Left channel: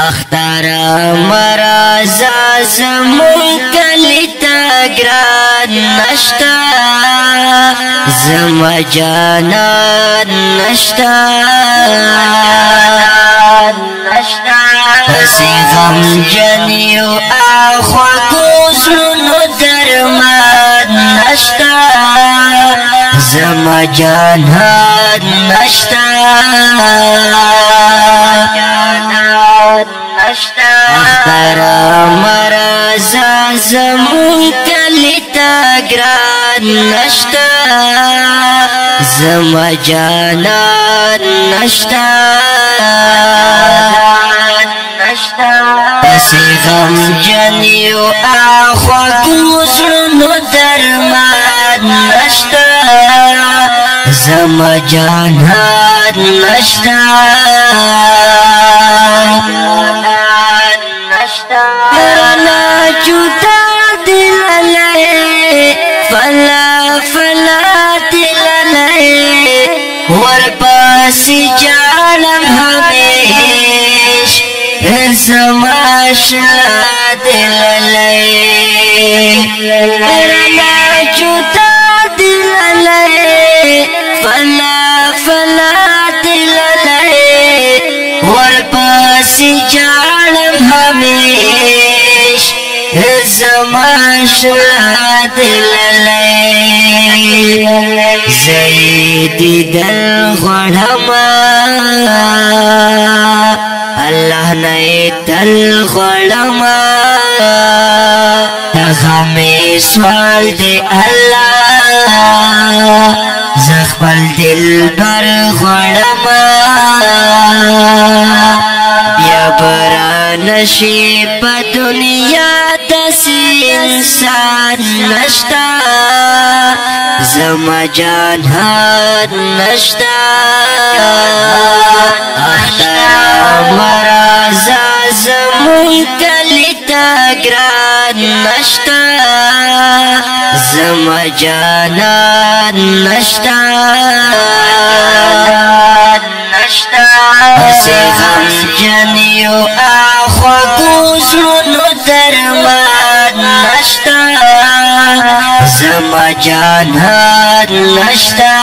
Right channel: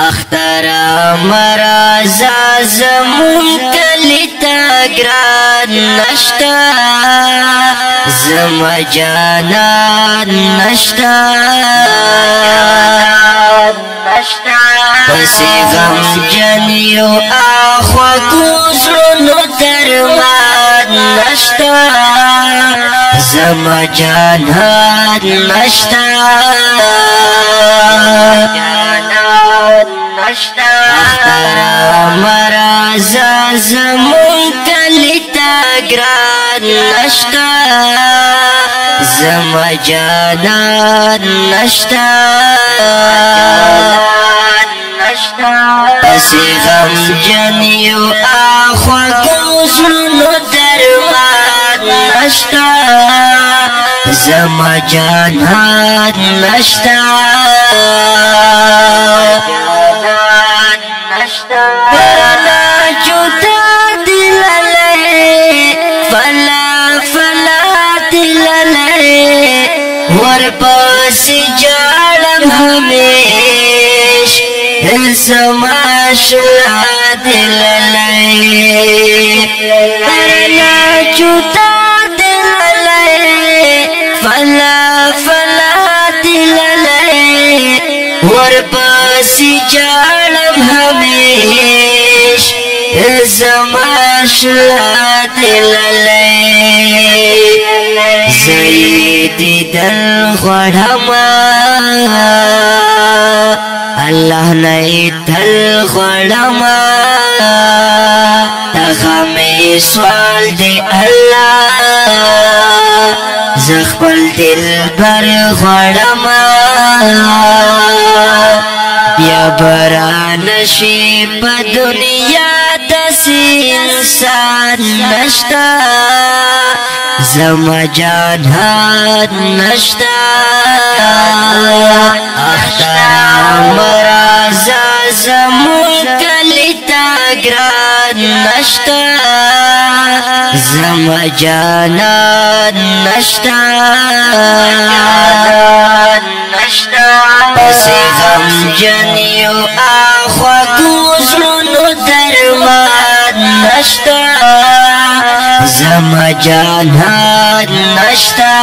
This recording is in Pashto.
اختر مرازا زمون کلی تا گران نشتا زما جانان نشتا پسی غم جنیو آخوا گوزرونو درمان نشتا زما جانان نشتا اختر مرازا زمون کلی تا گران نشتا زما جانان نشتا پسی غم جنیو آخوا گوزرونو درمان نشتا زما جانان نشتا کرنا جوتا دل لے فلا فلا دل لے ورپاسی جالم ہمیش زما شلا دل لے کرنا جوتا دل لے فلا فلا دل لے ورپاسی جالم ہمیش زما شلا دل لے زیدی دل غڑما اللہ نئی دل غڑما تغمی سوال دے اللہ زخبل دل بر غڑما یا برانشی پا دنیا دسی انسان نشتا زما جانان نشتا اختر مرازا زمون کلی تا گران نشتا زما جانان نشتا پسی غم جنیو آخوا گوزرونو درمان نشتا زما جانان نشتا